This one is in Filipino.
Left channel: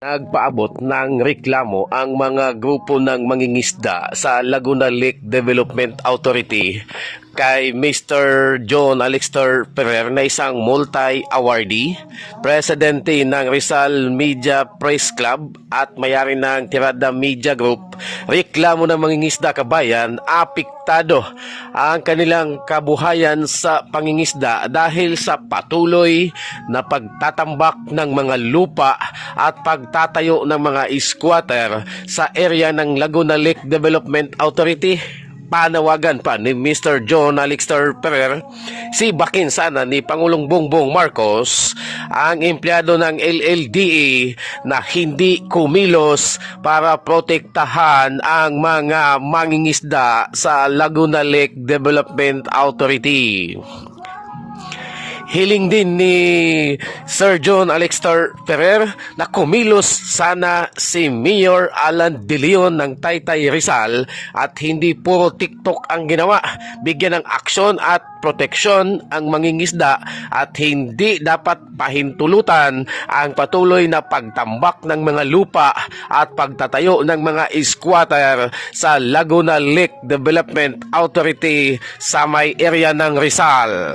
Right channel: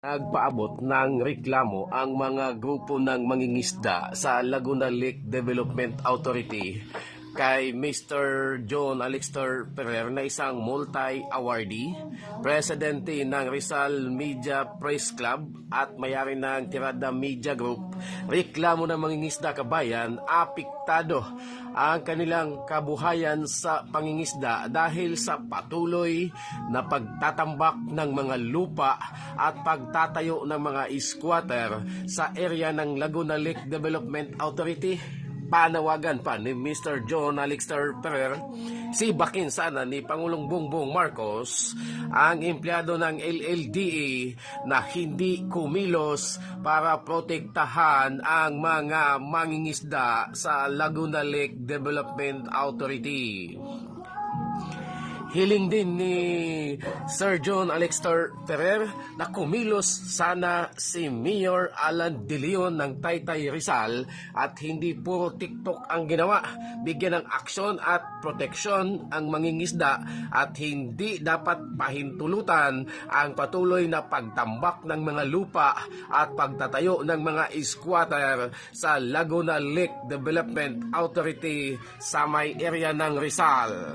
Nagpaabot ng reklamo ang mga grupo ng mangingisda sa Laguna Lake Development Authority kay Mr. John Alexter Ferrer na isang multi-awardee, presidente ng Rizal Media Press Club at mayari ng Tirada Media Group. Reklamo ng mangingisda kabayan, apektado ang kanilang kabuhayan sa pangingisda dahil sa patuloy na pagtatambak ng mga lupa at pagtatayo ng mga squatter sa area ng Laguna Lake Development Authority. Panawagan pa ni Mr. John Alexter Ferrer si bakin sana ni Pangulong Bongbong Marcos ang empleyado ng LLDA na hindi kumilos para protektahan ang mga mangingisda sa Laguna Lake Development Authority. Hiling din ni Sir John Alexter Ferrer na kumilos sana si Mayor Alan De Leon ng Taytay Rizal at hindi puro TikTok ang ginawa. Bigyan ng aksyon at proteksyon ang mangingisda at hindi dapat pahintulutan ang patuloy na pagtambak ng mga lupa at pagtatayo ng mga squatter sa Laguna Lake Development Authority sa may area ng Rizal.